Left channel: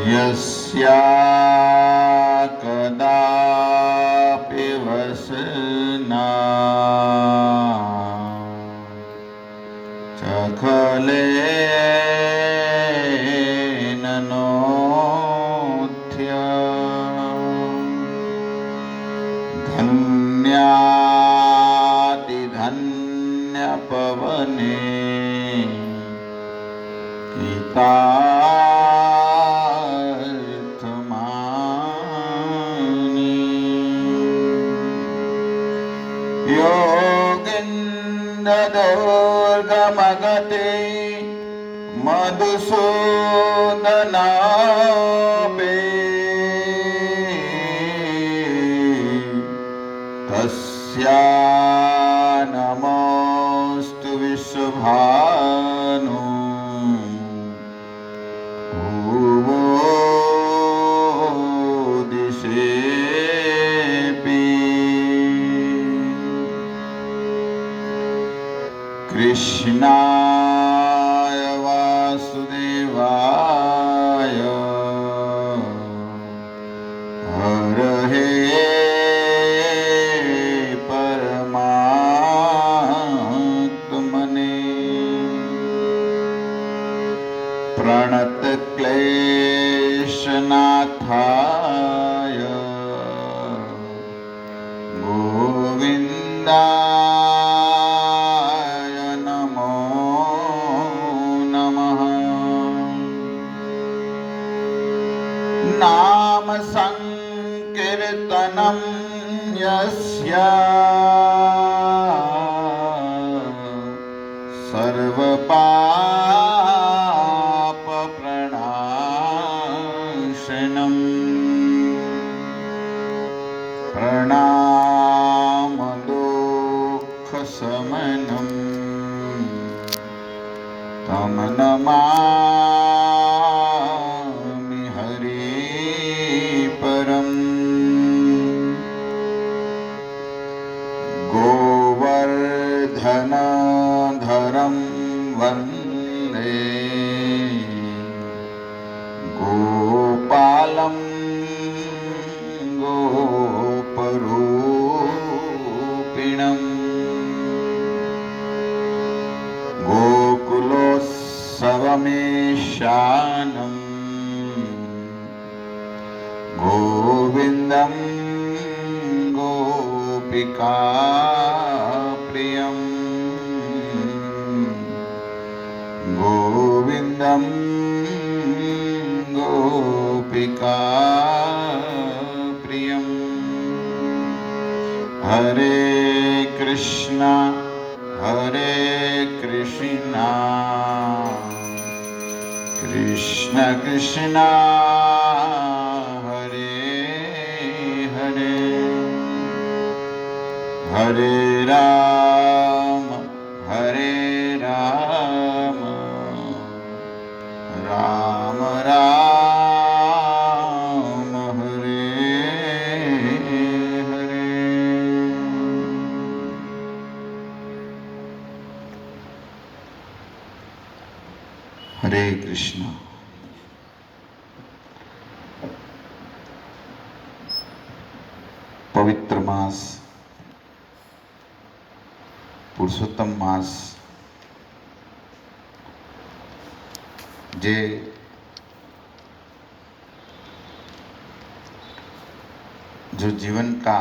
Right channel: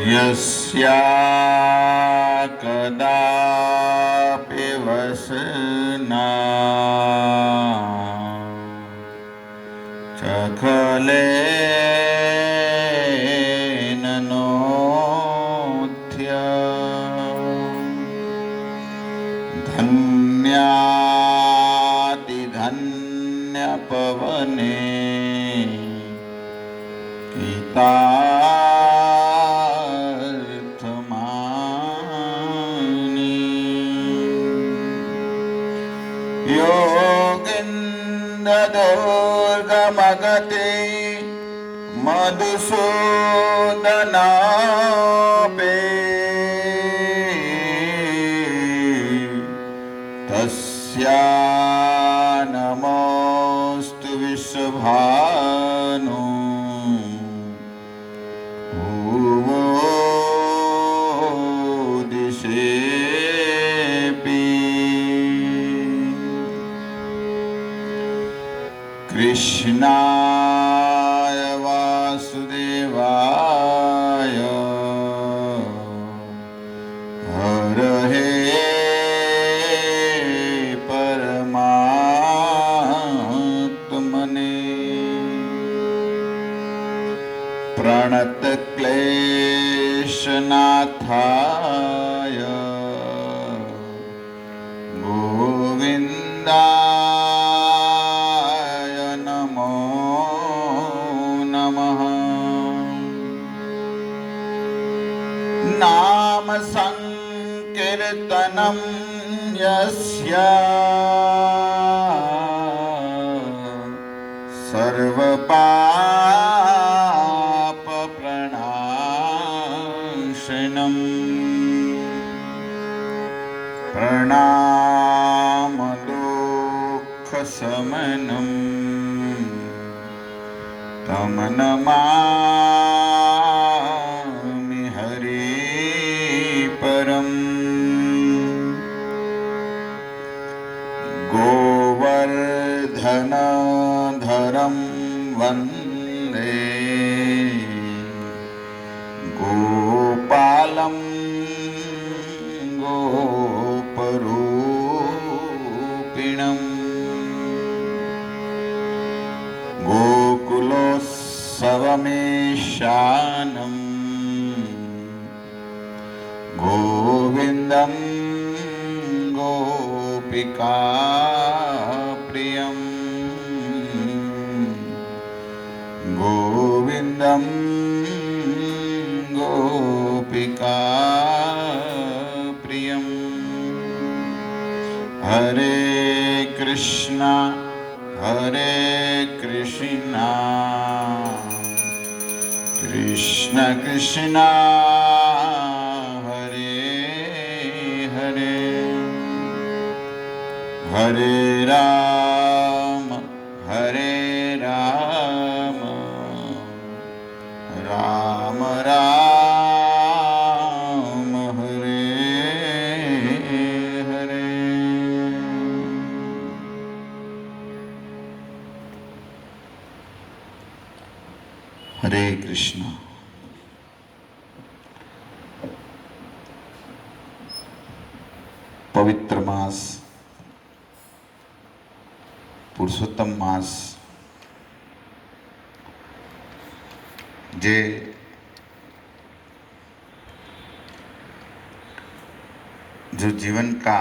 यस्या कदापि वसना चखलेन नोत्य धन्यातिधन्यपवने योगिन्ददुर्गमगते मधुसूदनापे तस्या नमोऽस्तु विश्वभानु भुवो दिशेऽपि कृष्णाय वासुदेवाय हरहे परमात्मने प्रणतक्लेशनाथाय गोविन्दाय नमो नमः। नाम संकीर्तनं यस्य सर्वपापप्रणाशनम् प्रणामदुःखशमनम् तं नमामि हरे परम्। गोवर्धनधरं वन्दे गोपालं गोपरूपिणम् गोकुलोत्सवमेशानं गोविन्दं गोपिकाप्रियम् गोविन्दं गोपिकाप्रियम्। हरे कृष्णा कृष्ण कृष्ण हरे हरे हरे राम राम राम हरे हरे। हरे कृष्ण। पवित्र मास पुरुषोत्तम मास जे जो जीवन का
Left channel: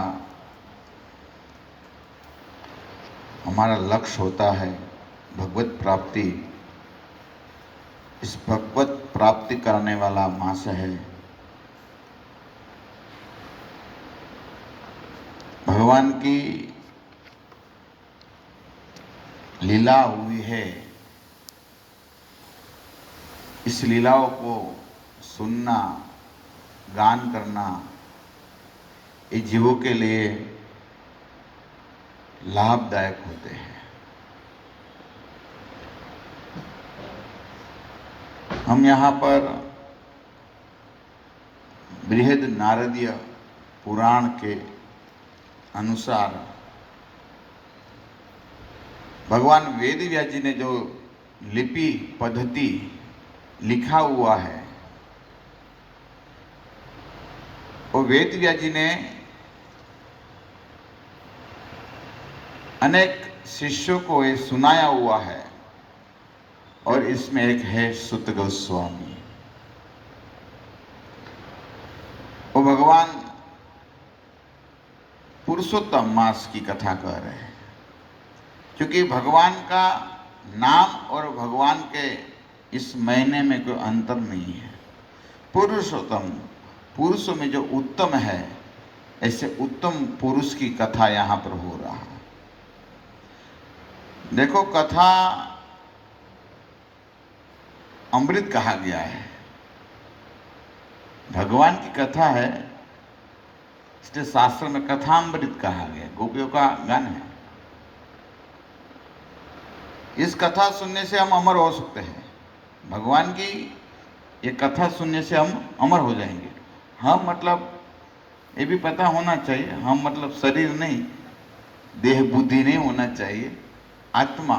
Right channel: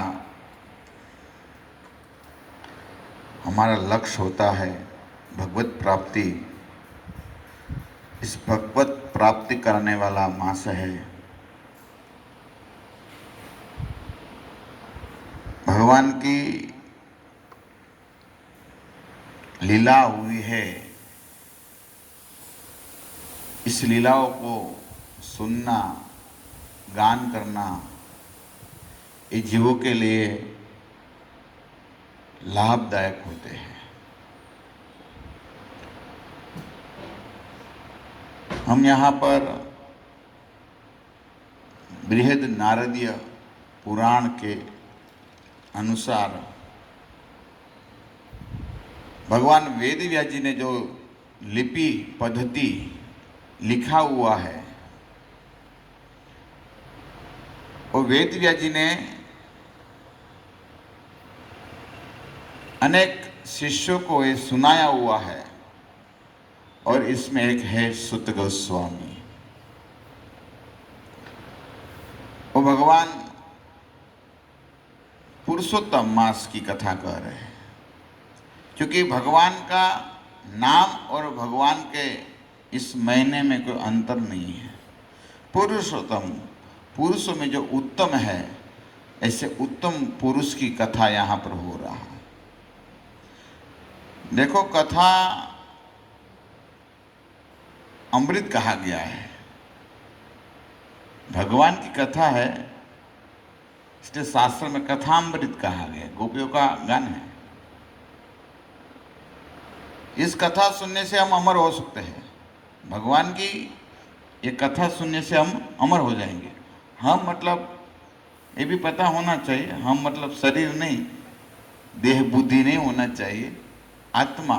हमारा लक्ष्य होता है भगवत प्राप्ति, इस भगवत प्राप्ति करने वाला मास है। भगवान की लीला हुई है, इस लीलाओं को सुनना, गान करना ये जीवों के लिए लाभदायक होते हैं। हम यहाँ पर बृहद नारदीय पुराण के अनुसार भगवान वेद व्यास जी ने जो लिपि पद्धति लिखा हुआ है और वेद व्यास जी ने अनेक शिष्यों को ये सुनाया हुआ है, और इसमें एक है सुत गोस्वामी। वो भगवान पुरुषोत्तम मास की कथा कर रहे हैं, क्योंकि भगवान का नाम और भगवान के इस महीने में कोई अंतर नहीं है। पुरुषोत्तम, पुरुषों में जो उत्तम है, ऐसे उत्तम पुरुष की कथा यहाँ पर हो रहा है। देखो, कथा अमृत कहा गया है, भगवान की कथा है, इसलिए शास्त्र में कथामृत कहा गया। गोपियों का गान है। इस कथा सुनने से हम अमर हो सकते हैं। भगवान की ये कथा सुनने से हम अमर हो जाएंगे। हम मतलब ये भी पता होना चाहिए, हम मतलब शरीर नहीं, देह बुद्धि नहीं होना चाहिए, आत्मा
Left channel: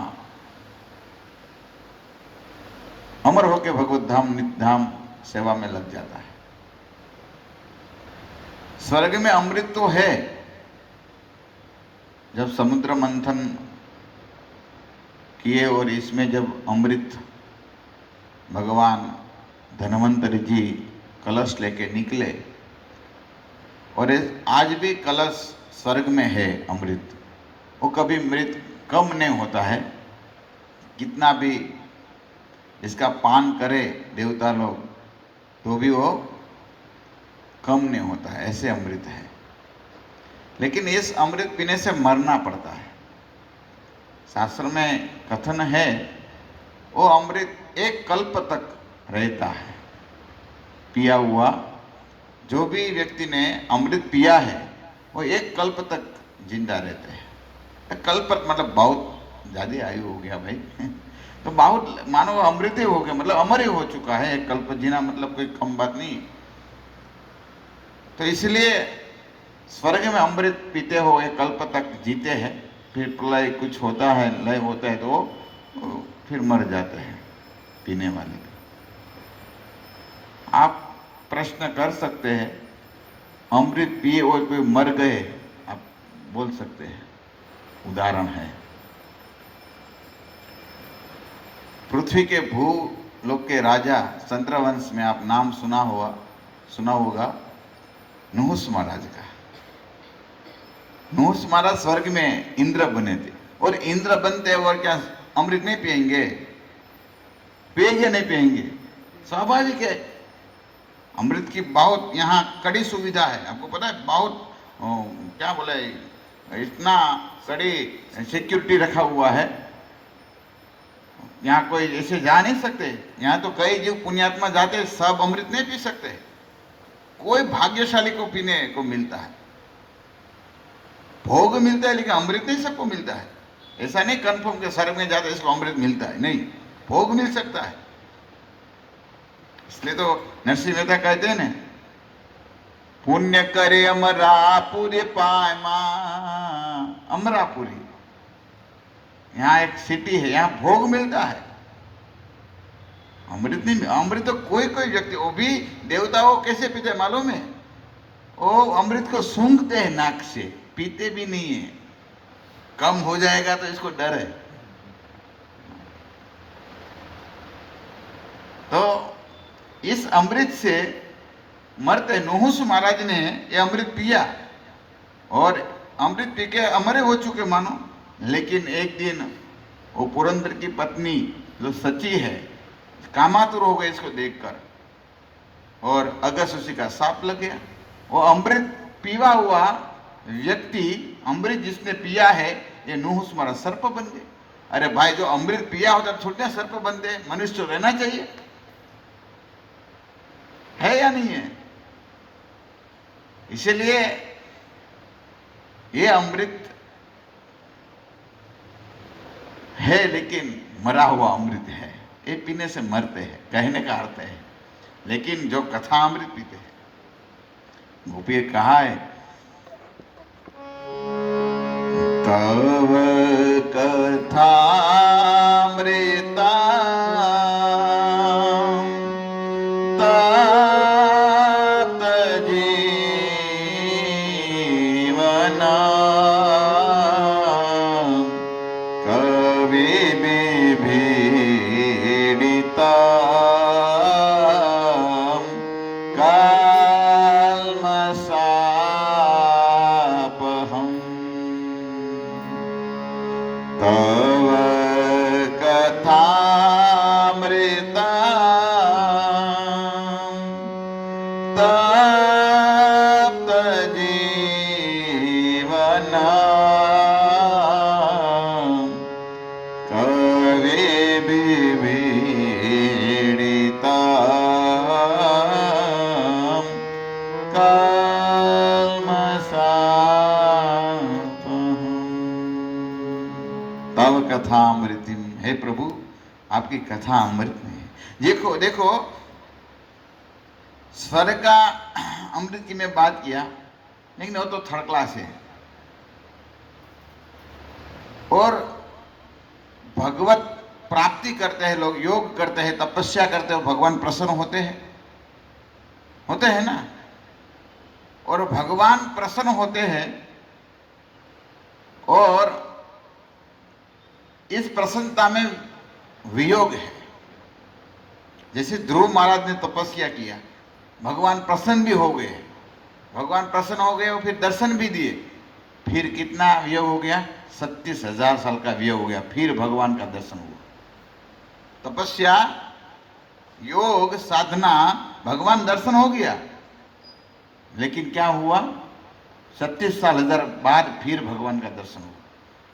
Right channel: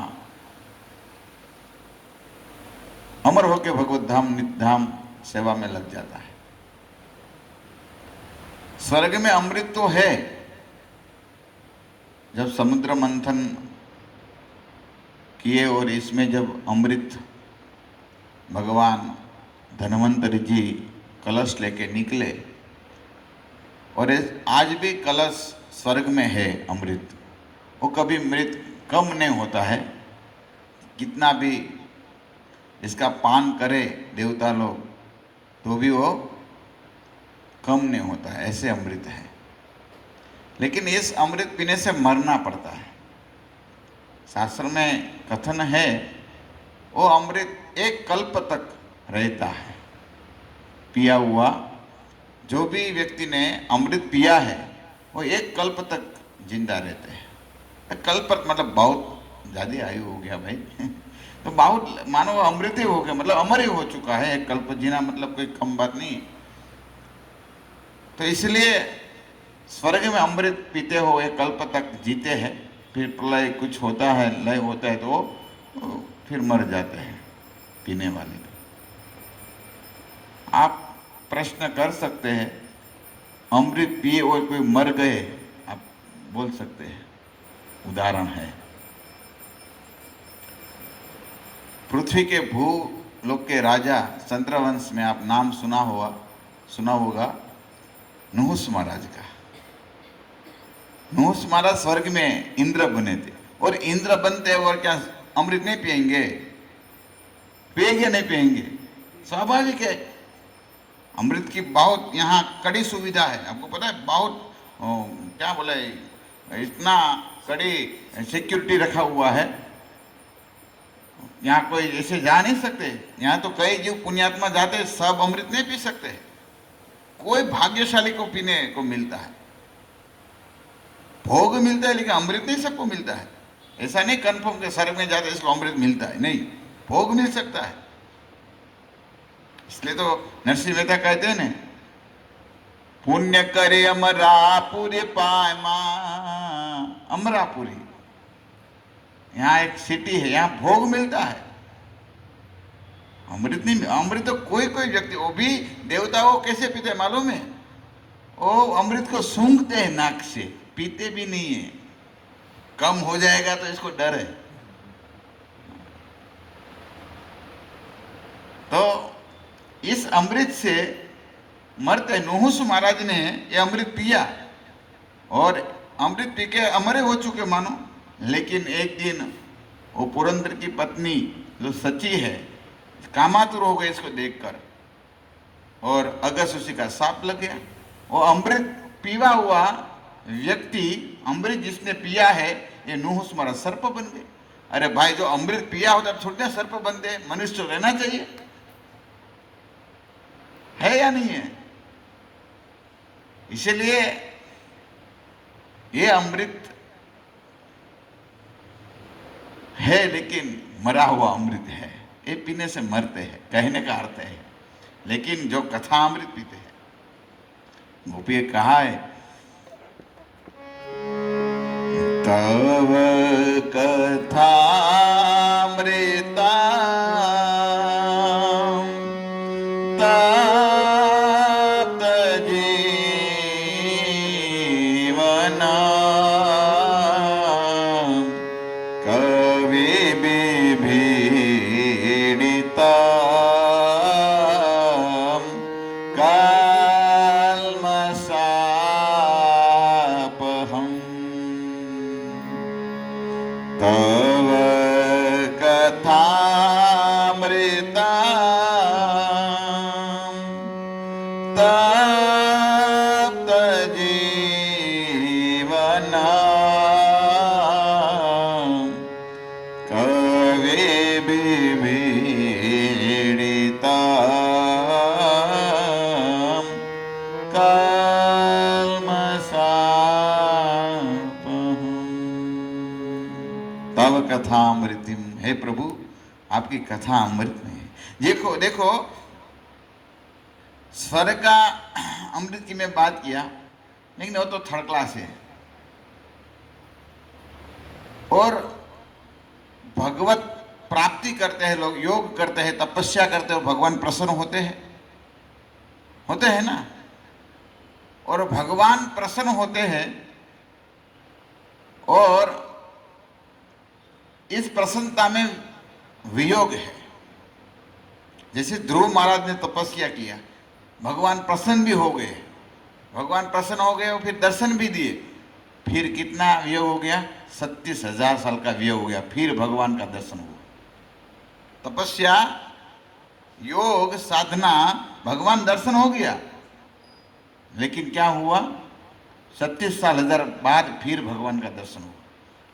अमर होकर भगवत धाम नित्य धाम सेवा में लग जाता है। स्वर्ग में अमृत तो है। जब समुद्र मंथन किए और इसमें जब अमृत भगवान धन्वंतरि जी कलश लेके निकले, और आज भी कलश स्वर्ग में है अमृत। वो कभी मृत कम नहीं होता है, कितना भी इसका पान करे देवता लोग तो भी वो कम नहीं होता है, ऐसे अमृत है। लेकिन इस अमृत पीने से मरना पड़ता है। शास्त्र में कथन है वो अमृत एक कल्प तक रहता है पिया हुआ। जो भी व्यक्ति ने अमृत पिया है वो एक कल्प तक जिंदा रहते हैं। कल्प मतलब बहुत ज़्यादा आयु हो गया भाई तो बहुत मानो अमृत ही हो गया, मतलब अमर ही हो चुका है। एक कल्प जीना मतलब कोई कम बात नहीं। तो इसलिए स्वर्ग में अमृत पीते हो एक कल्प तक जीते हैं, फिर प्रलय कुछ होता है, लय होता है तो फिर मर जाते हैं पीने वाले। आप प्रश्न कर सकते हैं, अमृत पिए और कोई मर गए, आप बोल सकते हैं, उदाहरण है। पृथ्वी के भूलोक के राजा चंद्रवंश में आप नाम सुना होगा नहुस महाराज का। नहुस महाराज स्वर्ग में इंद्र बने थे, और इंद्र बनते और क्या अमृत नहीं पिएंगे? पिएंगे नहीं पिएंगे? स्वाभाविक है। अमृत की बहुत यहाँ कड़ी सुविधा है, आपको पता है। बहुत क्या बोले, इतना कड़ी सिक्योरिटी रखा हुआ है, यहाँ कोई ऐसे जा नहीं सकते। यहाँ तो कई जीव पुण्यात्मा जाते, सब अमृत नहीं पी सकते। कोई भाग्यशाली को पीने को मिलता है, भोग मिलता है, लेकिन अमृत नहीं सबको मिलता है। ऐसा नहीं कंफर्म के स्वर्ग में जाते इसको अमृत मिलता है, नहीं, भोग मिल सकता है। इसलिए तो नरसिंह मेहता कहते हैं ना, पुण्य करे अमरापुरी पाय मां। अमरापुरी यहाँ एक सिटी है, यहाँ भोग मिलता है, अमृत नहीं। अमृत तो कोई कोई व्यक्ति, वो भी देवता वो कैसे पीते मालूम है? वो अमृत को सूंघते हैं नाक से, पीते भी नहीं है। कम हो जाएगा तो इसको डर है। तो इस अमृत से मरते नहुस महाराज ने ये अमृत पिया, और अमृत पी के अमर हो चुके मानो। लेकिन एक दिन वो पुरंदर की पत्नी जो सची है कामातुर हो गई इसको देखकर, और अगस्त्य का साप लग गया। वो अमृत पीवा हुआ व्यक्ति, अमृत जिसने पिया है, ये नहुस महाराज सर्प बन गए। अरे भाई, जो अमृत पिया होता है छोटे सर्प बनते, मनुष्य तो रहना चाहिए, है या नहीं है? इसलिए ये अमृत है, लेकिन मरा हुआ अमृत है। ये पीने से मरते हैं, कहने का अर्थ है। लेकिन जो कथा अमृत पीते हैं, गोपी कहा है, तव कथा अमृता तात तप्त जीवना कवे विभीडिता तव कथा अमृतिम। हे प्रभु, आपकी कथा अमृत में है। देखो देखो, स्वर्ग का अमृत की मैं बात किया, लेकिन वो तो थर्ड क्लास है। और भगवत प्राप्ति करते हैं लोग, योग करते हैं, तपस्या करते हैं, भगवान प्रसन्न होते हैं ना। और भगवान प्रसन्न होते हैं, और इस प्रसन्नता में वियोग है। जैसे ध्रुव महाराज ने तपस्या किया, भगवान प्रसन्न भी हो गए, भगवान प्रसन्न हो गए और फिर दर्शन भी दिए। फिर कितना वियोग हो गया? 37,000 साल का वियोग हो गया, फिर भगवान का दर्शन हुआ। तपस्या, योग, साधना, भगवान दर्शन हो गया, लेकिन क्या हुआ? 37,000 बाद फिर भगवान का दर्शन हुआ।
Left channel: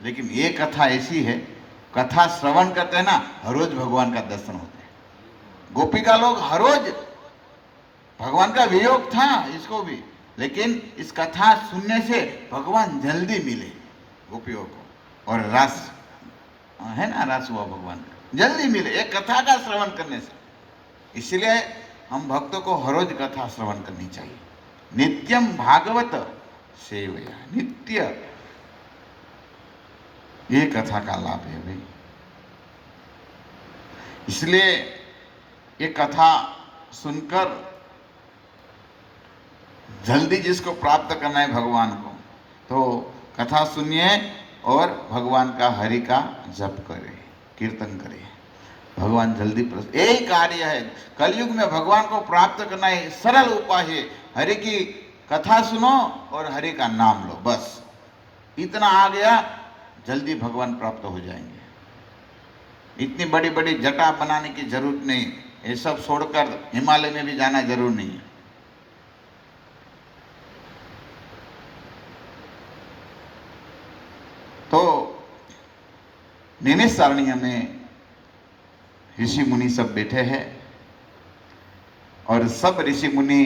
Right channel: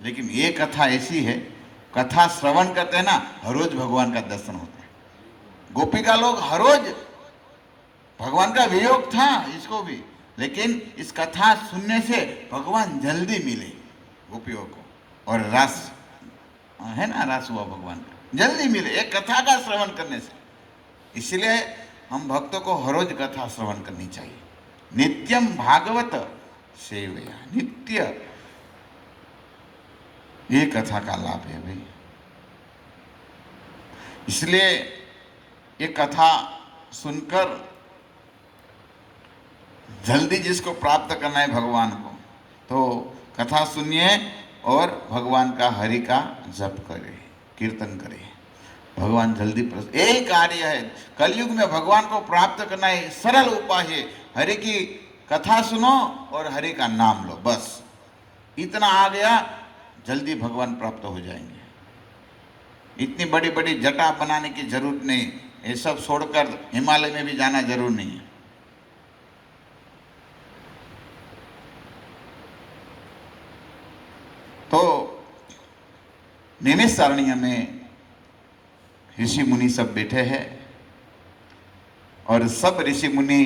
लेकिन ये कथा ऐसी है, कथा श्रवण करते हैं ना, हर रोज भगवान का दर्शन होता है। गोपिका लोग हर रोज, भगवान का वियोग था इसको भी, लेकिन इस कथा सुनने से भगवान जल्दी मिले गोपियों को। और रस है ना, रस हुआ भगवान का, जल्दी मिले एक कथा का श्रवण करने से। इसलिए हम भक्तों को हर रोज कथा श्रवण करनी चाहिए। नित्यम भागवत सेवया, नित्य ये कथा का लाभ है भाई। इसलिए ये कथा सुनकर जल्दी जिसको प्राप्त करना है भगवान को, तो कथा सुनिए और भगवान का हरि का जप करे, कीर्तन करे, भगवान जल्दी प्रसन्न। यही कार्य है कलयुग में, भगवान को प्राप्त करना है सरल उपाय है। हरि की कथा सुनो और हरि का नाम लो, बस इतना आ गया, जल्दी भगवान प्राप्त हो जाएंगे। इतनी बड़ी बड़ी जटा बनाने की जरूरत नहीं, ये सब छोड़कर हिमालय में भी जाना जरूर नहीं है। तो नैमिषारण्य में ऋषि मुनि सब बैठे हैं, और सब ऋषि मुनि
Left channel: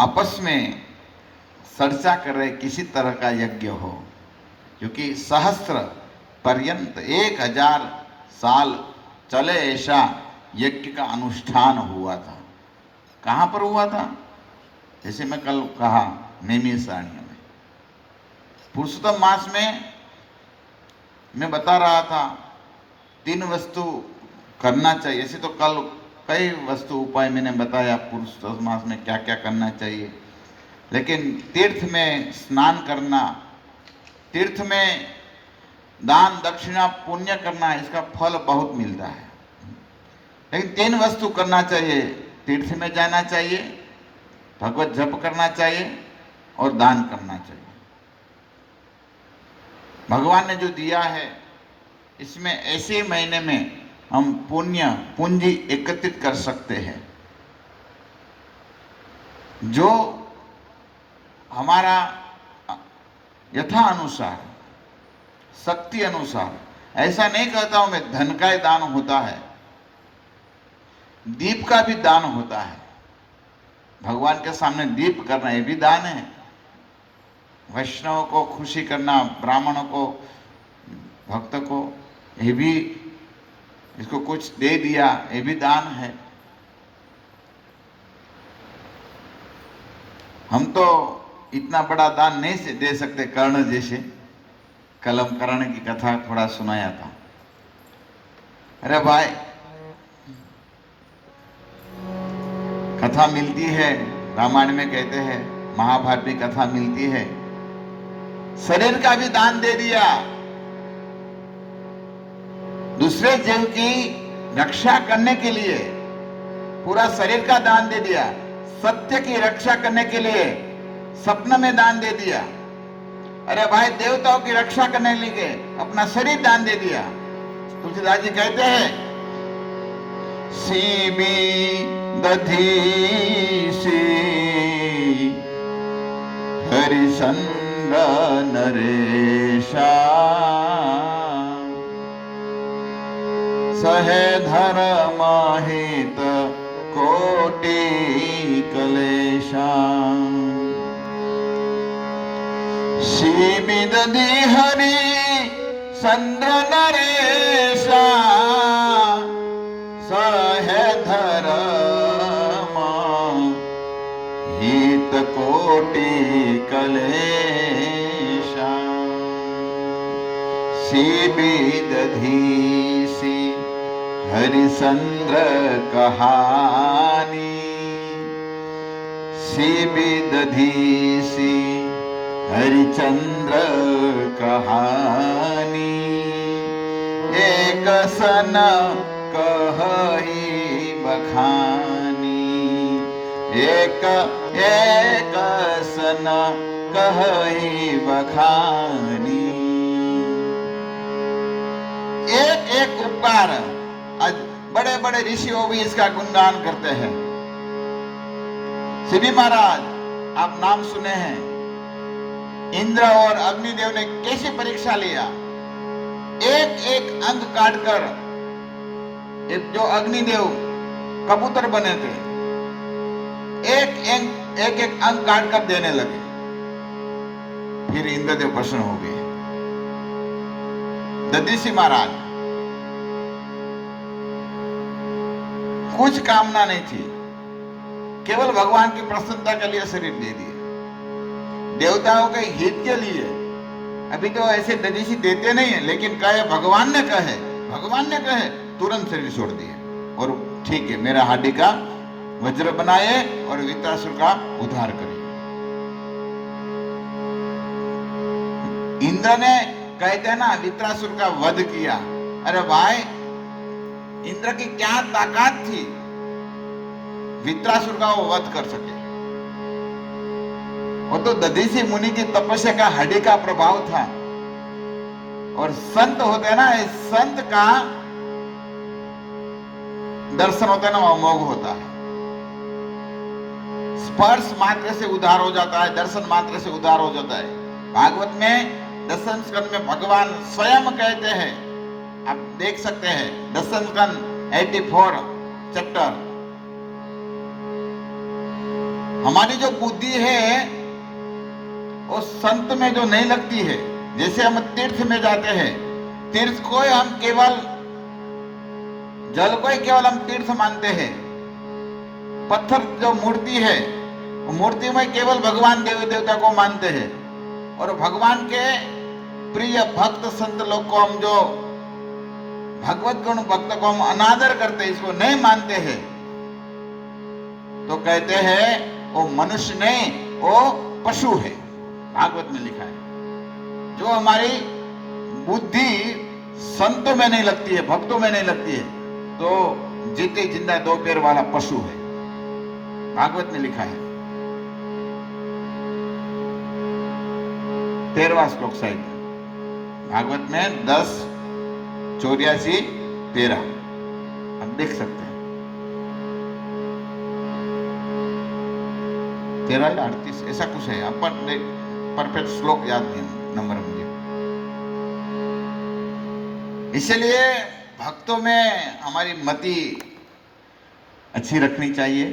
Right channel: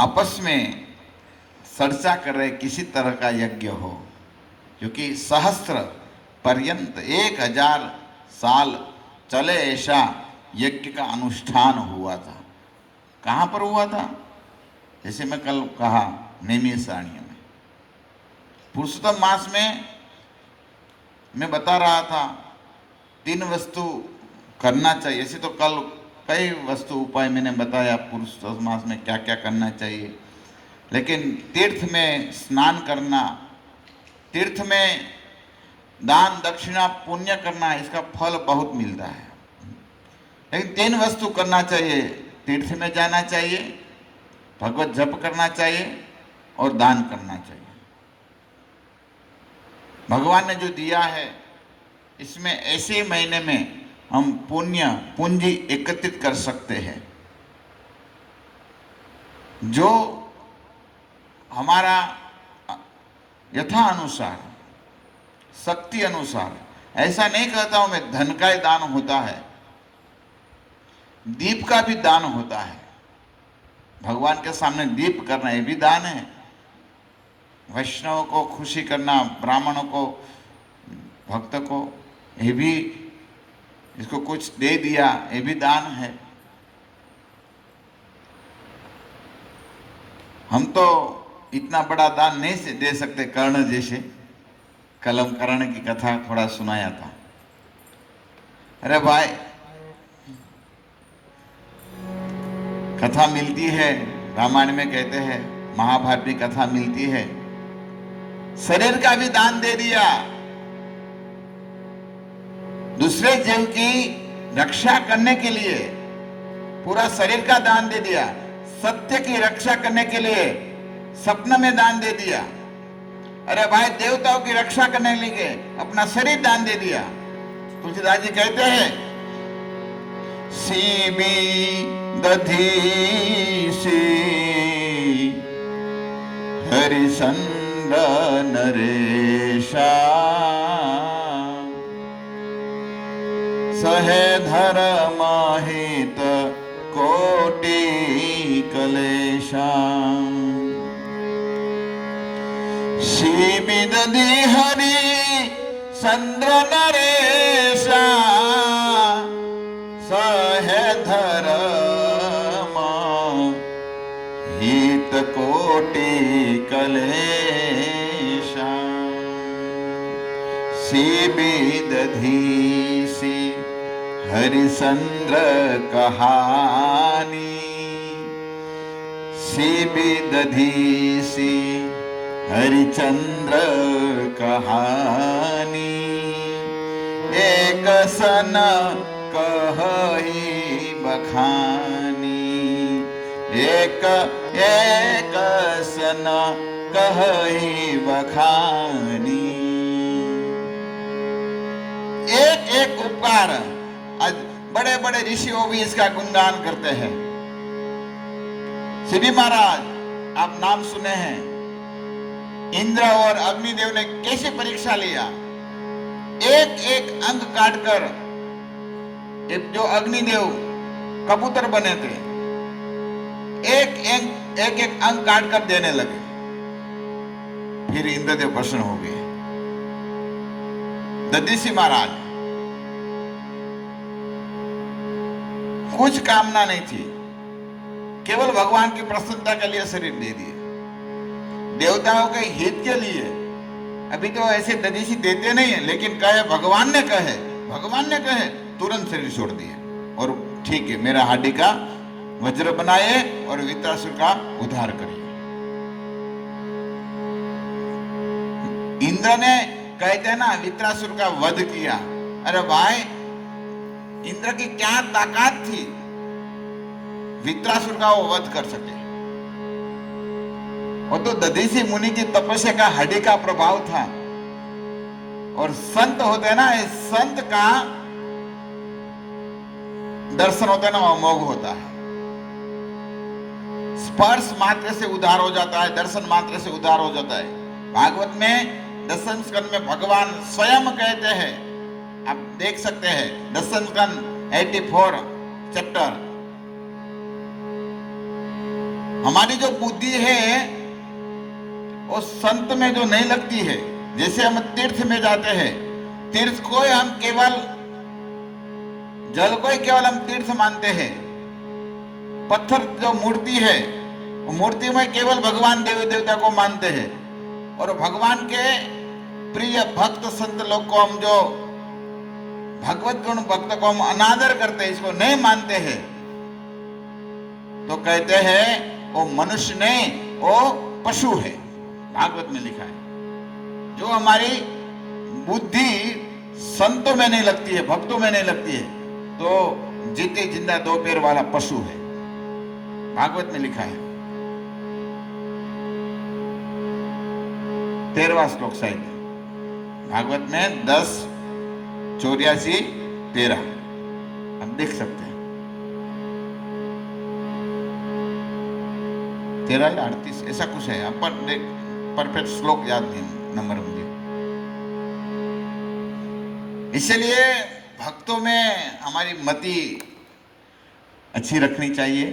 आपस में चर्चा कर रहे किसी तरह का यज्ञ हो, क्योंकि सहस्त्र पर्यंत 1000 साल चले ऐसा यज्ञ का अनुष्ठान हुआ था। कहाँ पर हुआ था? जैसे मैं कल कहा, नैमिषारण्य में। पुरुषोत्तम मास में मैं बता रहा था 3 वस्तु करना चाहिए। ऐसे तो कल कई वस्तु उपाय मैंने बताया पुरुषोत्तम मास में क्या क्या करना चाहिए, लेकिन तीर्थ में स्नान करना, तीर्थ में दान दक्षिणा पुण्य करना, इसका फल बहुत मिलता है। लेकिन 3 वस्तु करना चाहिए, तीर्थ में जाना चाहिए, भगवत जप करना चाहिए और दान करना चाहिए। भगवान ने जो दिया है, इसमें ऐसे महीने में हम पुण्य पूंजी एकत्रित कर सकते हैं, जो हमारा यथा अनुसार, शक्ति अनुसार। ऐसा नहीं कहता हूं मैं धन का ही दान होता है, दीप का भी दान होता है। भगवान के सामने दीप करना ये भी दान है। वैष्णव को खुशी करना, ब्राह्मणों को, भक्त को, ये भी, इसको कुछ दे दिया, ये भी दान है। हम तो इतना बड़ा दान नहीं से दे सकते। कर्ण जैसे, कलम कर्ण की कथा थोड़ा सुनाया था। अरे भाई, कथा मिलती है, रामायण में कहते हैं, महाभारत में कथा मिलती है, शरीर का भी दान दे दिया, दूसरे जीव की रक्षा करने के लिए पूरा शरीर का दान दे दिया, सत्य की रक्षा करने के लिए स्वप्न में दान दे दिया। अरे भाई, देवताओं की रक्षा करने के लिए अपना शरीर दान दे दिया। तुलसीदास जी कहते हैं, सीबी दधीसी हरिचंद्र नरेशा सहे धर्म हित कोटि कलेशा सीबी दधी हरि चंद्र नरेशा सहे धर्म हित कोटि कलेशा सीबी दधीसी हरिचंद्र कहानी सीबी दधीसी हरिचंद्र कहानी एक सन कहि बखानी एक सन कहि बखानी। एक उपकार, आज बड़े बड़े ऋषियों भी इसका गुणगान करते हैं। शिवी महाराज, आप नाम सुने हैं, इंद्र और अग्निदेव ने कैसे परीक्षा लिया। एक एक अंग काटकर जो अग्निदेव कबूतर बने थे, एक अंग काटकर देने लगे। फिर इंद्रदेव प्रसन्न हो गए। दधीसी महाराज, कुछ कामना नहीं थी, केवल भगवान की प्रसन्नता के लिए शरीर दे दिए, देवताओं के हित के लिए। अभी तो ऐसे दधीसी देते नहीं है, लेकिन कहे भगवान ने कहे तुरंत शरीर छोड़ दिए। और ठीक है, मेरा हाडी का वज्र बनाए और वित्रासुर का उद्धार करिए। इंद्र ने कहते हैं ना, वित्रासुर का वध किया। अरे भाई, इंद्र की क्या ताकत थी, वित्रासुर का वो वध कर सके। वो तो दधीसी मुनि की तपस्या का हड्डी का प्रभाव था। और संत होते हैं ना, इस संत का दर्शन होता है ना, वो अमोघ होता है। स्पर्श मात्र से उद्धार हो जाता है, दर्शन मात्र से उद्धार हो जाता है। भागवत में दशम स्कंद में भगवान स्वयं कहते हैं, आप देख सकते हैं, दशम स्कंद 84 चैप्टर। हमारी जो बुद्धि है वो संत में जो नहीं लगती है। जैसे हम तीर्थ में जाते हैं, तीर्थ को हम केवल जल को ही केवल हम तीर्थ मानते हैं। पत्थर जो मूर्ति है, वो मूर्ति में केवल भगवान देवी देवता को मानते हैं। और भगवान के प्रिय भक्त संत लोग को हम जो भगवत गुण भक्त को हम अनादर करते हैं, इसको नहीं मानते हैं, तो कहते हैं वो मनुष्य नहीं, वो पशु है। भागवत में लिखा है। जो हमारी बुद्धि संतों में नहीं लगती है, भक्तों में नहीं लगती है, तो जीते जिंदा दो पैर वाला पशु है। भागवत में लिखा है। 13वां श्लोक शायद भागवत में 10:84-13 आप देख सकते हैं। 13 या 38 ऐसा कुछ है। आप परफेक्ट श्लोक याद नहीं नंबर मुझे। इसलिए भक्तों में हमारी मति अच्छी रखनी चाहिए।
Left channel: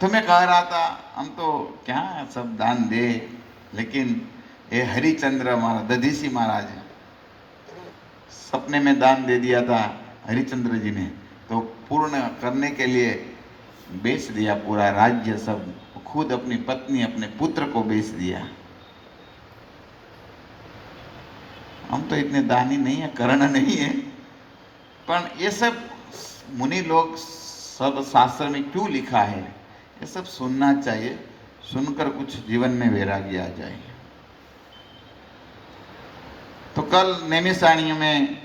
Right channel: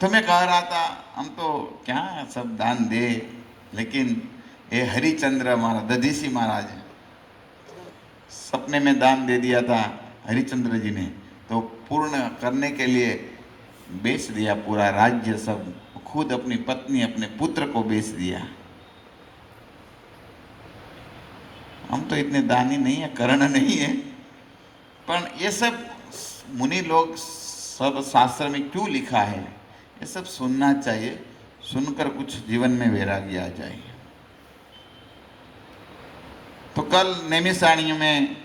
तो मैं कह रहा था, हम तो क्या सब दान दे, लेकिन ये हरिचंद्र महाराज, दधीसी महाराज सपने में दान दे दिया था हरिचंद्र जी ने, तो पूर्ण करने के लिए बेच दिया पूरा राज्य, सब खुद अपनी पत्नी अपने पुत्र को बेच दिया। हम तो इतने दानी नहीं है, कर्ण नहीं है, पर ये सब मुनि लोग सब शास्त्र में क्यों लिखा है, ये सब सुनना चाहिए। सुनकर कुछ जीवन में वैराग्य आ जाए। तो कल नैमिषारण्य में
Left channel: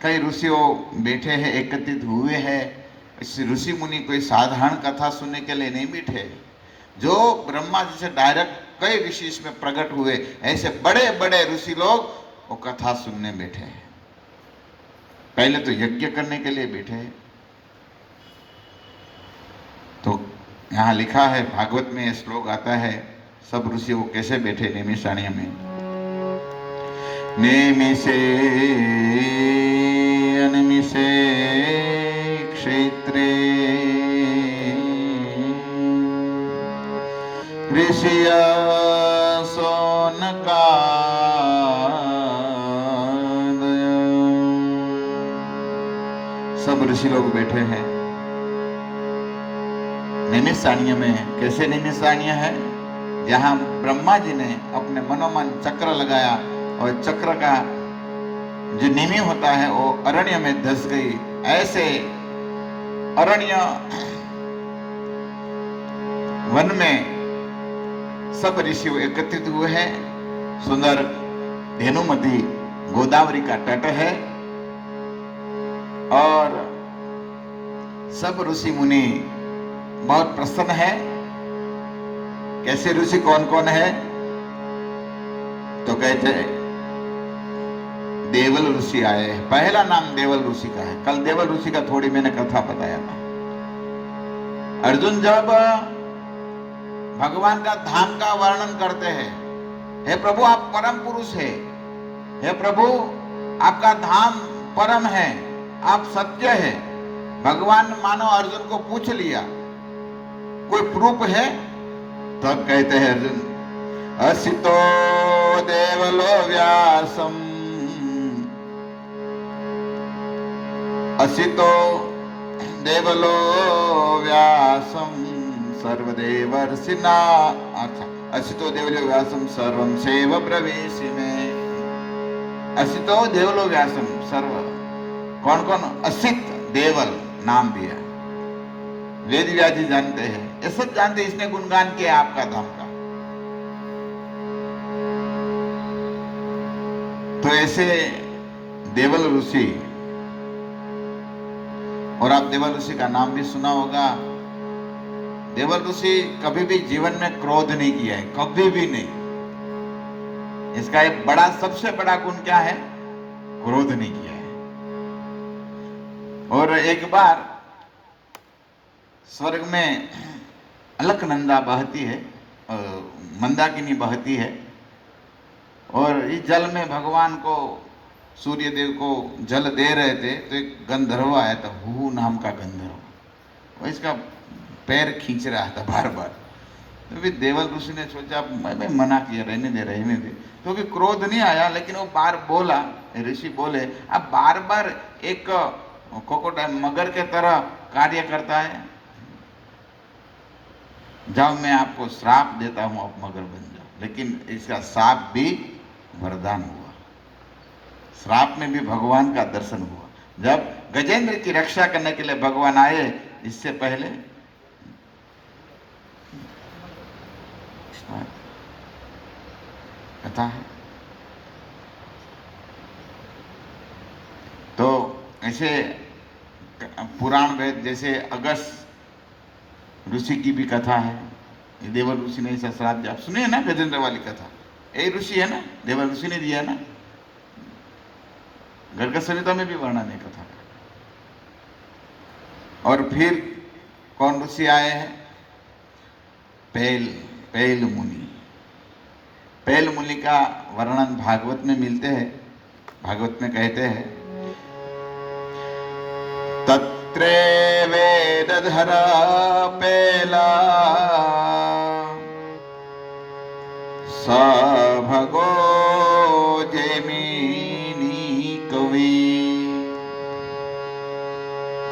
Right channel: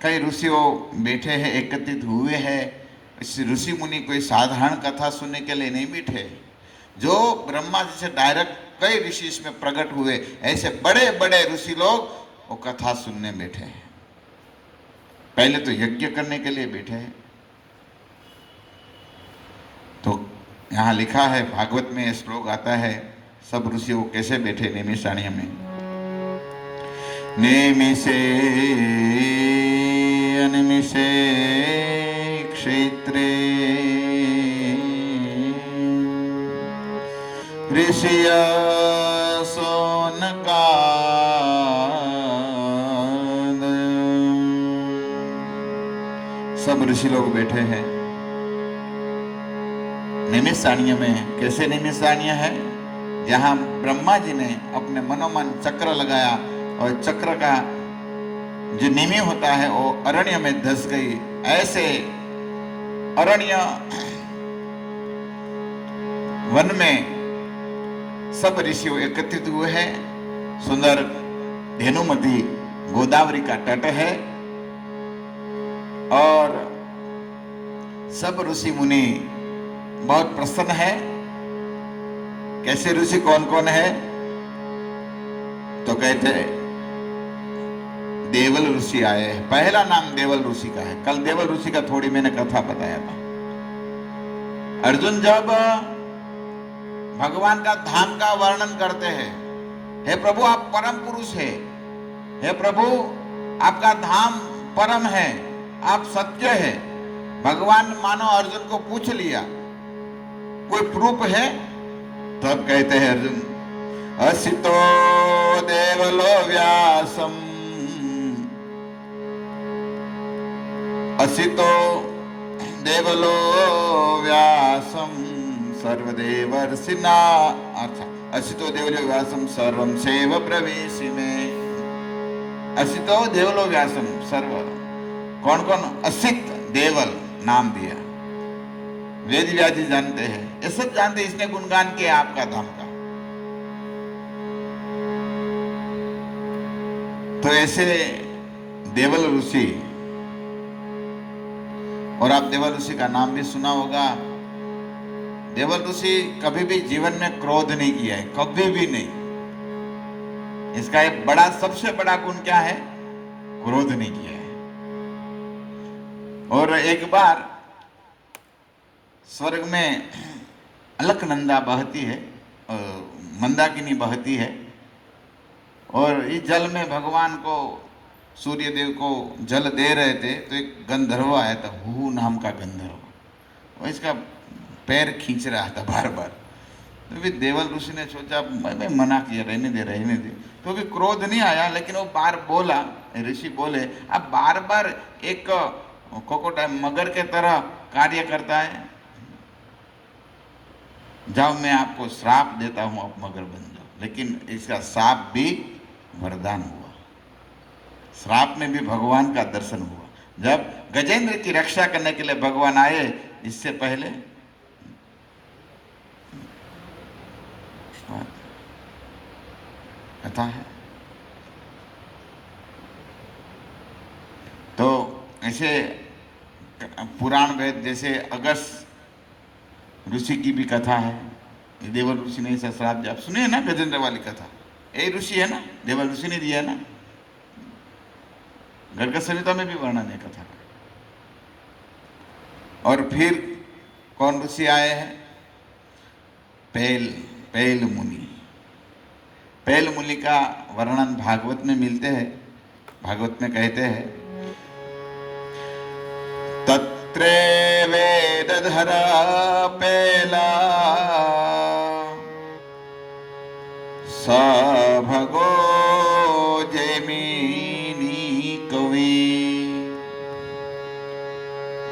कई ऋषियों बैठे हैं, एकत्रित हुए हैं। इस ऋषि मुनि कोई साधारण कथा सुनने के लिए नहीं बैठे। जो ब्रह्मा जी से डायरेक्ट कई ऋषि इसमें प्रकट हुए, ऐसे बड़े बड़े ऋषि लोग वो कथा सुनने बैठे हैं। पहले तो यज्ञ करने के लिए बैठे हैं। तो यहाँ लिखा है, भागवत में श्लोक आता है, सब ऋषि वो कैसे बैठे नैमिषारण्य में। नेमिषे अनिमिषे क्षेत्रे ऋषिया सोनका, सब ऋषि लोग बैठे हैं नैमिषारण्य में। कैसे नैमिषारण्य है? जहां ब्रह्मा जी ने अपने मनोमन चक्र लगाया और चक्र का जो निमि होता है वो अरण्य में धस गई। ऐसे अरण्य वन में सब ऋषि एकत्रित हुए हैं। सुंदर धेनुमती गोदावरी का तट है और सब ऋषि मुनि बहुत प्रसन्न है। कैसे ऋषि कौन कौन है? तो कहते हैं देवल ऋषि आए हैं। पहला नाम देवल ऋषि का है। कल देवल ऋषि का थोड़ी मैंने कथा बताया था। अर्जुन जब भगवान का धाम का वर्णन करते हैं, हे प्रभु आप परम पुरुष है, हे प्रभु आपका धाम परम है, आप सत्य है। भगवान मानो अर्जुन को पूछ लिया कोई प्रूफ है? तब कहते हैं अर्जुन, असितो देवलो व्यासम, असितो देवलो व्यासम सर्वदेवर्षिना, अच्छा, असितो देवलो व्यासम सर्वं सेव प्रवेशि में। असितो देवलो व्यासम सर्व, कौन कौन? असित देवल नाम दिया। वेद व्यास जी जानते हैं, ये सब जानते हैं, इसने गुणगान किया आपका धाम का। तो ऐसे देवल ऋषि, और आप देवल ऋषि का नाम भी सुना होगा। देवल ऋषि कभी भी जीवन में क्रोध नहीं किया है, कभी भी नहीं। इसका एक बड़ा, सबसे बड़ा गुण क्या है? क्रोध नहीं किया है। और एक बार स्वर्ग में अलकनंदा बहती है, मंदाकिनी बहती है, और इस जल में भगवान को, सूर्य देव को जल दे रहे थे, तो एक गंधर्व आया था, हु नाम का गंधर्व। वो इसका पैर खींच रहा था बार बार। तो फिर देवल ऋषि ने सोचा, मैं मना किया, रहने दे। तो भी क्रोध नहीं आया, लेकिन वो बार बोला, ऋषि बोले, अब बार बार एक कोकोडाइल मगर के तरह कार्य करता है, जाओ मैं आपको श्राप देता हूं, आप मगर बन जाओ। लेकिन इसका श्राप भी वरदान हुआ। श्राप में भी भगवान का दर्शन हुआ। जब गजेंद्र की रक्षा करने के लिए भगवान आए, इससे पहले कथा है। तो ऐसे पुराण वेद, जैसे अगस्त ऋषि की भी कथा है। ये देवल ऋषि ने ऐसा श्राप दिया। आप सुने हैं ना गजेंद्र वाली कथा? यही ऋषि है ना, देवल ऋषि ने दिया है ना। गर्ग संहिता में भी वर्णन है कथा। और फिर कौन ऋषि आए हैं? पैल मुनि। पैल मुनि का वर्णन भागवत में मिलते हैं। भागवत में कहते हैं, तत्रे वेदधरा पेला स भगो जैमिनी कवि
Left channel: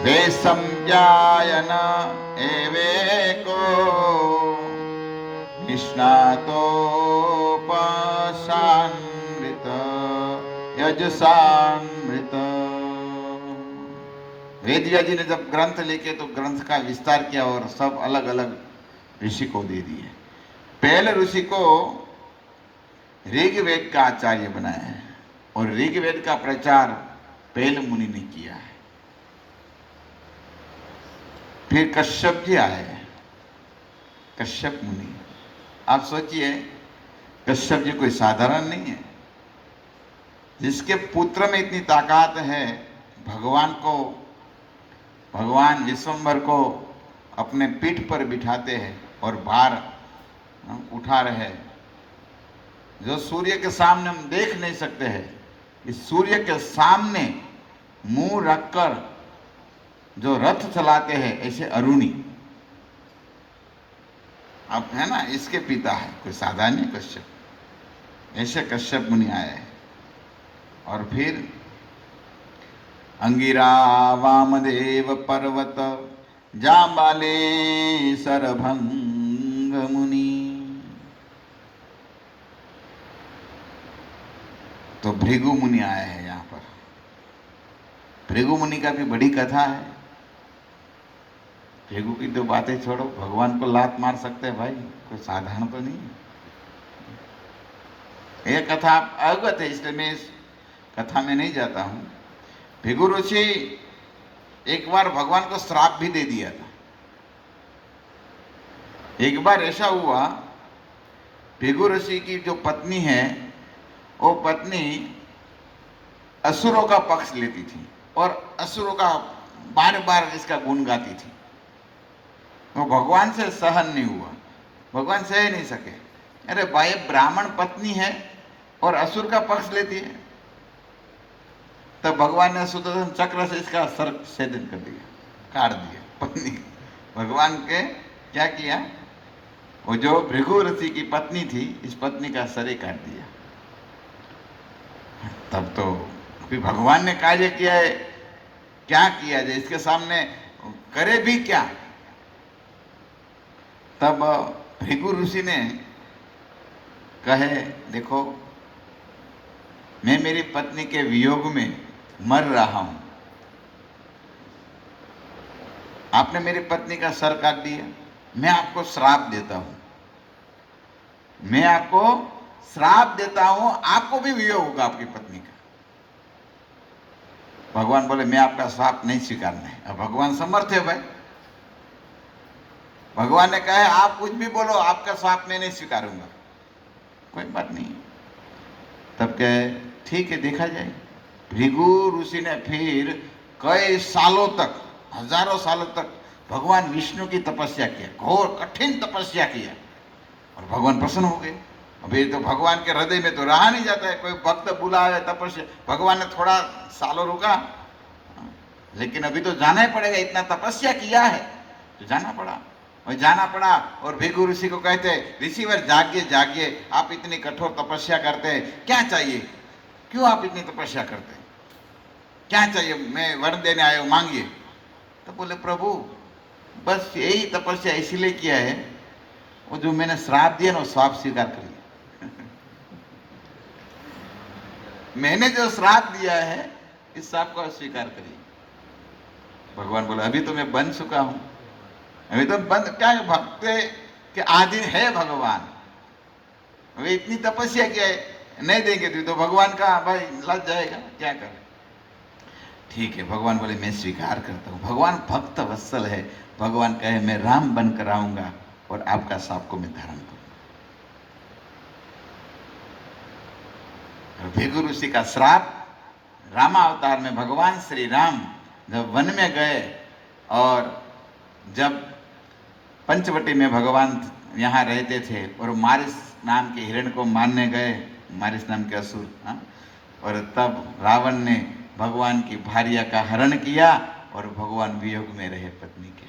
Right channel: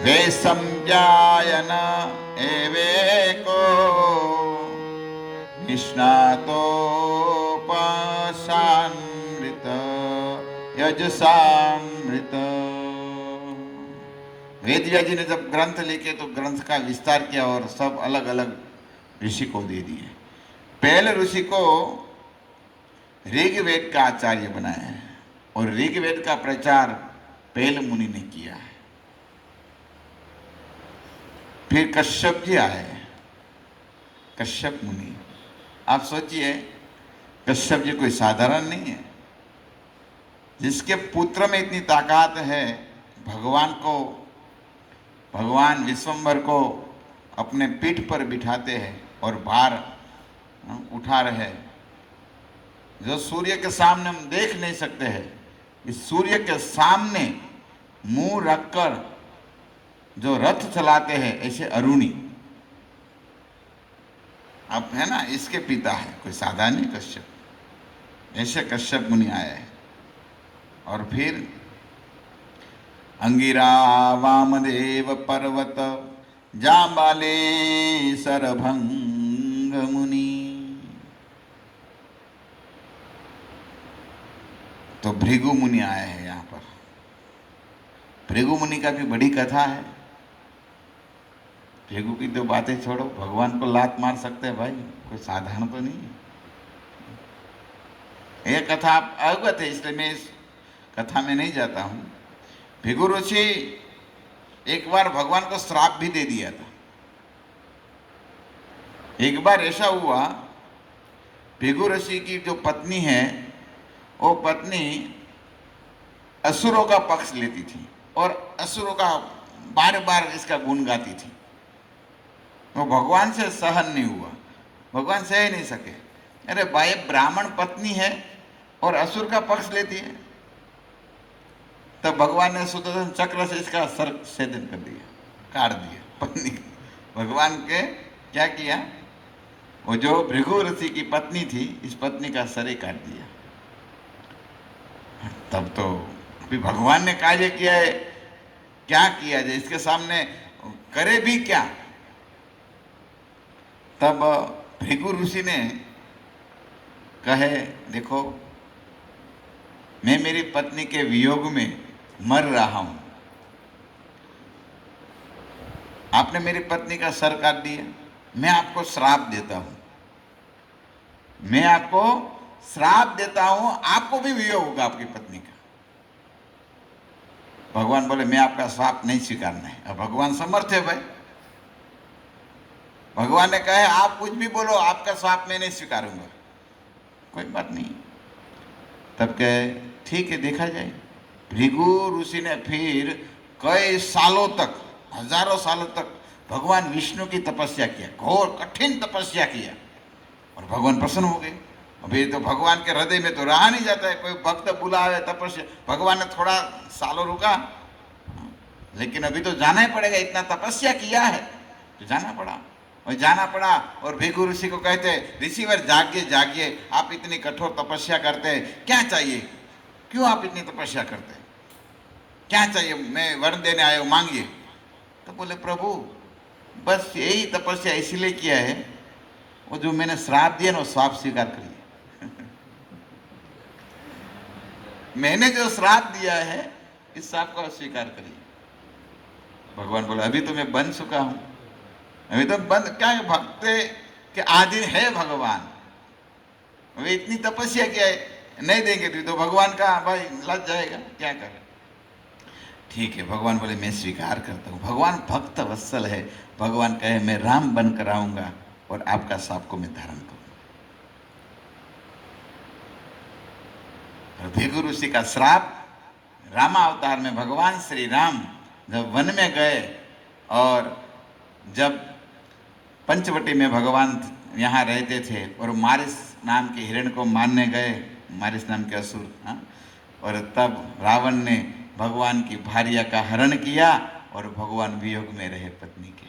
वे संजायन एवेको निष्णातोपशान्वित यजसामृत। वेद व्यास जी ने जब ग्रंथ लिखे तो ग्रंथ का विस्तार किया और सब अलग अलग ऋषि को दे दिए। पहले ऋषि को ऋग्वेद का आचार्य बनाया है और ऋग्वेद का प्रचार पैल मुनि ने किया है। फिर कश्यप जी आए, कश्यप मुनि। आप सोचिए, कश्यप जी कोई साधारण नहीं है। जिसके पुत्र में इतनी ताकत है, भगवान विश्वम्भर को अपने पीठ पर बिठाते हैं और भार उठा रहे हैं, जो सूर्य के सामने हम देख नहीं सकते हैं। इस सूर्य के सामने मुंह रखकर जो रथ चलाते हैं, ऐसे अरुणी, अब है ना, इसके पिता है, कोई साधारण नहीं कश्यप, ऐसे कश्यप मुनि आए हैं। और फिर अंगिरा वामदेव पर्वत जाम्बाले सरभंग मुनि। तो भृगु मुनि आए हैं यहाँ पर। भृगु मुनि का भी बड़ी कथा है। भृगु की तो बातें छोड़ो, भगवान को लात मार सकते हैं भाई, कोई साधारण तो नहीं। ये कथा आप अवगत है, इसलिए मैं इस कथा में नहीं जाता हूँ। भृगु ऋषि एक बार भगवान को श्राप भी दे दिया था। एक बार ऐसा हुआ, भृगु ऋषि की जो पत्नी है, वो पत्नी असुरों का पक्ष लेती थी और असुरों का बार बार इसका गुण गाती थी। वो भगवान से सहन नहीं हुआ, भगवान सह नहीं सके। अरे भाई, ब्राह्मण पत्नी है और असुर का पक्ष लेती है। तब भगवान ने सुदर्शन चक्र से इसका सर छेदन कर दिया, काट दिया पत्नी। भगवान के क्या किया, वो जो भृगु ऋषि की पत्नी थी, इस पत्नी का सर ही काट दिया। तब तो अभी भगवान ने कार्य किया है, क्या किया जाए, इसके सामने करे भी क्या। तब भृगु ऋषि ने कहे, देखो मैं मेरी पत्नी के वियोग में मर रहा हूं, आपने मेरी पत्नी का सर काट दिया, मैं आपको श्राप देता हूं, मैं आपको श्राप देता हूं, आपको भी वियोग होगा आपकी पत्नी का। भगवान बोले, मैं आपका श्राप नहीं स्वीकारना है। अब भगवान समर्थ है भाई, भगवान ने कहा आप कुछ भी बोलो, आपका श्राप मैं नहीं स्वीकारूंगा, कोई बात नहीं। तब कहे ठीक है, देखा जाए। भृगु ऋषि ने फिर कई सालों तक, हजारों सालों तक भगवान विष्णु की तपस्या किया, घोर कठिन तपस्या किया, और भगवान प्रसन्न हो गए। अभी तो भगवान के हृदय में तो रहा नहीं जाता है, कोई भक्त बुलावे तपस्या, भगवान ने थोड़ा सालों रुका, लेकिन अभी तो जाना ही पड़ेगा, इतना तपस्या किया है तो जाना पड़ा, और जाना पड़ा। और भृगु ऋषि को कहते, ऋषिवर जागिए जागिए, आप इतनी कठोर तपस्या करते हैं, क्या चाहिए, क्यों आप इतनी तपस्या करते हैं, क्या चाहिए, मैं वर देने आया हूँ, मांगिए। तो बोले प्रभु बस यही तपस्या इसलिए किया है, वो जो मैंने श्राप दिया ना, वो श्राप स्वीकार करिए। मैंने जो श्राप दिया है, इस श्राप को स्वीकार करिए। भगवान बोला अभी तो मैं बन चुका हूं, अभी तो बंद, क्या भक्त के आदि है भगवान, अभी इतनी तपस्या किया है, नहीं देंगे तो भगवान का भाई लग जाएगा, क्या करे। ठीक है, भगवान बोले मैं स्वीकार करता हूँ। भगवान भक्त वत्सल है, भगवान कहे मैं राम बनकर आऊंगा और आपका श्राप को मैं धारण करूंगा। भृगु ऋषि का श्राप, रामावतार में भगवान श्री राम जब वन में गए और जब पंचवटी में भगवान यहाँ रहते थे और मारिस नाम के हिरण को मारने गए, मारिस नाम के असुर, और तब रावण ने भगवान की भार्या का हरण किया और भगवान वियोग में रहे पत्नी के,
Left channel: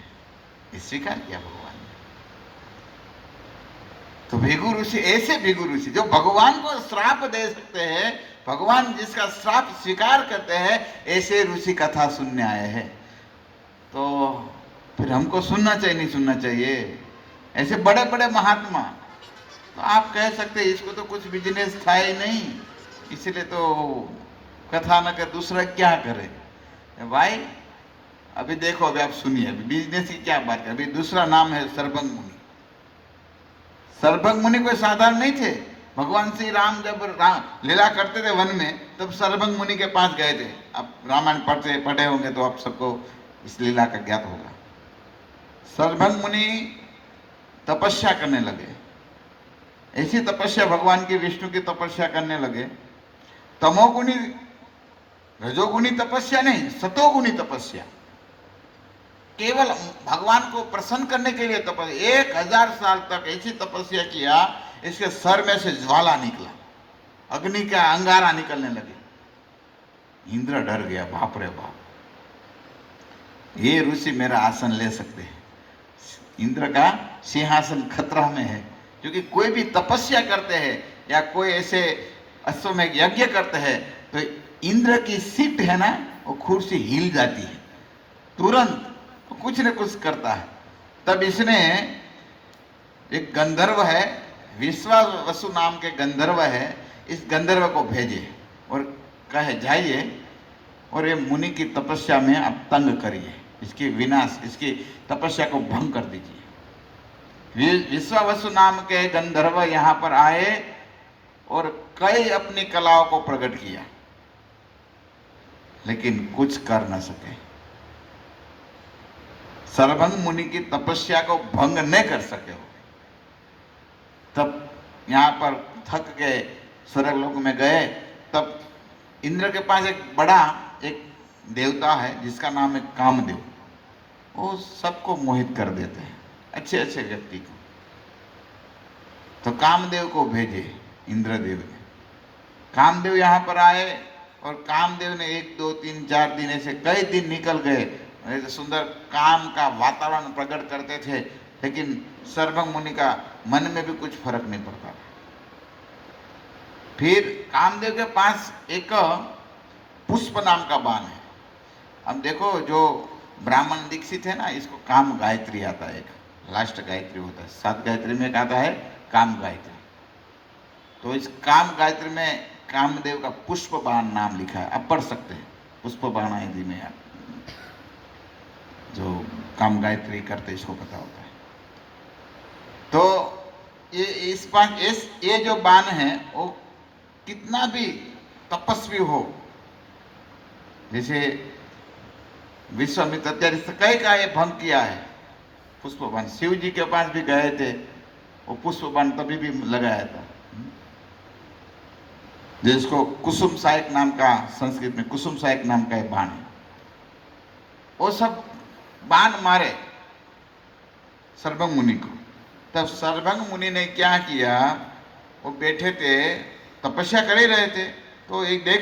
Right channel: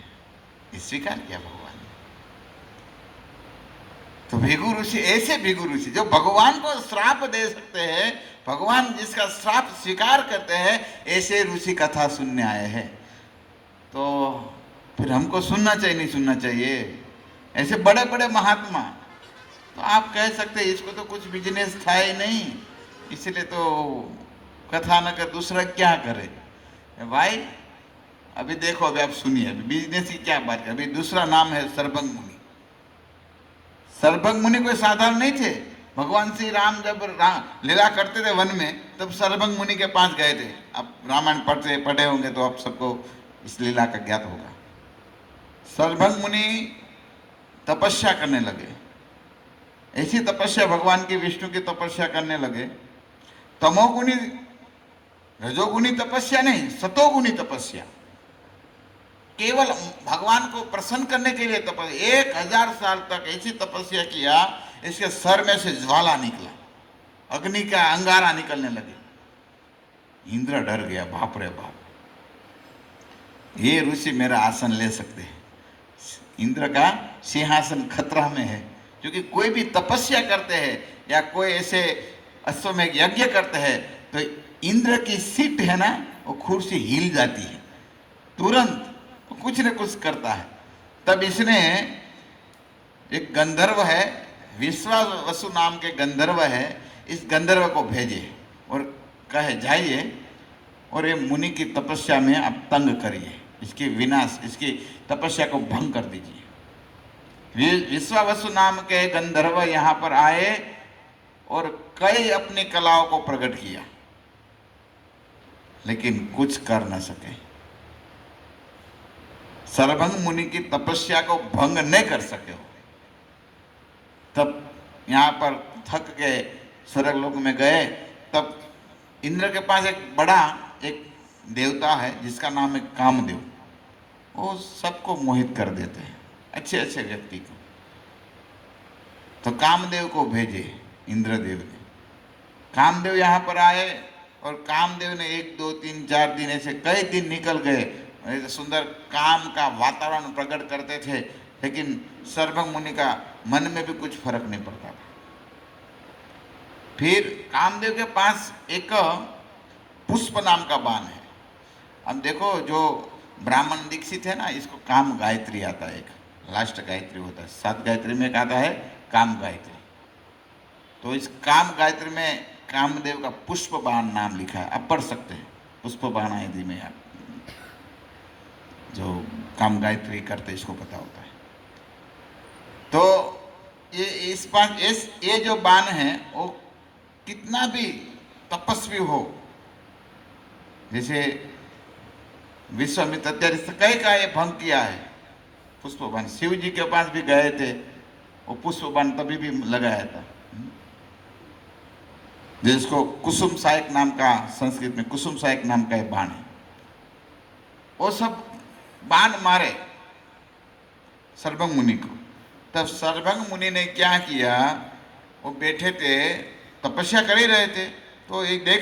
ये स्वीकार किया भगवान ने। तो भृगु ऋषि, ऐसे भृगु ऋषि जो भगवान को श्राप दे सकते हैं, भगवान जिसका श्राप स्वीकार करते हैं, ऐसे ऋषि कथा सुनने आए हैं। तो फिर हमको सुनना चाहिए नहीं सुनना चाहिए, ऐसे बड़े बड़े महात्मा। तो आप कह सकते हैं इसको तो कुछ बिजनेस था ही नहीं, इसलिए तो कथा न कर दूसरा क्या करे भाई। अभी देखो, अभी आप सुनिए, अभी बिजनेस की क्या बात है। अभी दूसरा नाम है सर्वभंग मुनि। सर्वभंग मुनि कोई साधारण नहीं थे। भगवान श्री राम जब लीला करते थे वन में, तब सर्वभंग मुनि के पास गए थे। आप रामायण पढ़े होंगे तो आप सबको इस लीला का ज्ञात होगा। सर्वभंग मुनि तपस्या करने लगे, ऐसी तपस्या भगवान की, विष्णु की तपस्या करने लगे। तमोगुणी रजोगुनी तपस्या नहीं, सतोगुनी तपस्या। केवल भगवान को प्रसन्न करने के लिए तपस्या, 1000 साल तक ऐसी तपस्या किया, इसके सर में से ज्वाला निकला, अग्नि का अंगारा निकलने लगे। इंद्र डर गया, बाप रे बाप, ये ऋषि मेरा आसन ले सकते हैं। इंद्र का सिंहासन खतरा में है, क्योंकि कोई भी तपस्या करते हैं या कोई ऐसे अश्वमेध यज्ञ करते हैं तो इंद्र की सीट है ना, वो कुर्सी हिल जाती है तुरंत, तो कुछ न कुछ करता है। तब इसने, एक गंधर्व है, विश्वावसु नाम के गंधर्व है, इस गंधर्व को भेजे और कहे जाइए और ये मुनि की तपस्या में आप तंग करिए, इसकी विनाश, इसकी तपस्या को भंग कर दीजिए। विश्वावसु नाम के गंधर्व यहाँ पर आए और कई अपनी कलाओं को प्रकट किया, लेकिन कुछ कर न सके। सरभंग मुनि की तपस्या को भंग नहीं कर सके हो। तब यहाँ पर थक के स्वर्गलोक में गए। तब इंद्र के पास एक बड़ा एक देवता है जिसका नाम है कामदेव। वो सबको मोहित कर देते हैं, अच्छे अच्छे व्यक्ति को। तो कामदेव को भेजे इंद्रदेव ने। कामदेव यहाँ पर आए और कामदेव ने 1 2 3 4 दिन ऐसे कई दिन निकल गए, सुंदर काम का वातावरण प्रकट करते थे, लेकिन सर्वभंग मुनि का मन में भी कुछ फर्क नहीं पड़ता था। फिर कामदेव के पास एक पुष्प नाम का बाण है। अब देखो, जो ब्राह्मण दीक्षित है ना, इसको काम गायत्री आता है, एक लास्ट गायत्री होता है, 7 गायत्री में एक आता है काम गायत्री। तो इस काम गायत्री में कामदेव का पुष्प बाण नाम लिखा है, आप पढ़ सकते हैं। पुष्प बाण आदि में आप जो काम गायत्री करते इसको पता होता है। तो ये जो बाण है वो कितना भी तपस्वी हो, जैसे विश्वामित्र इत्यादि कई का ये भंग किया है पुष्प बाण। शिव जी के पास भी गए थे, वो पुष्प बाण तभी भी लगाया था, जिसको कुसुम सहायक नाम का, संस्कृत में कुसुम सहायक नाम का एक बाण है। वो सब बाण मारे सर्वभंग मुनि को। तब सर्वभंग मुनि ने क्या किया, वो बैठे थे, तपस्या कर ही रहे थे, तो एक देख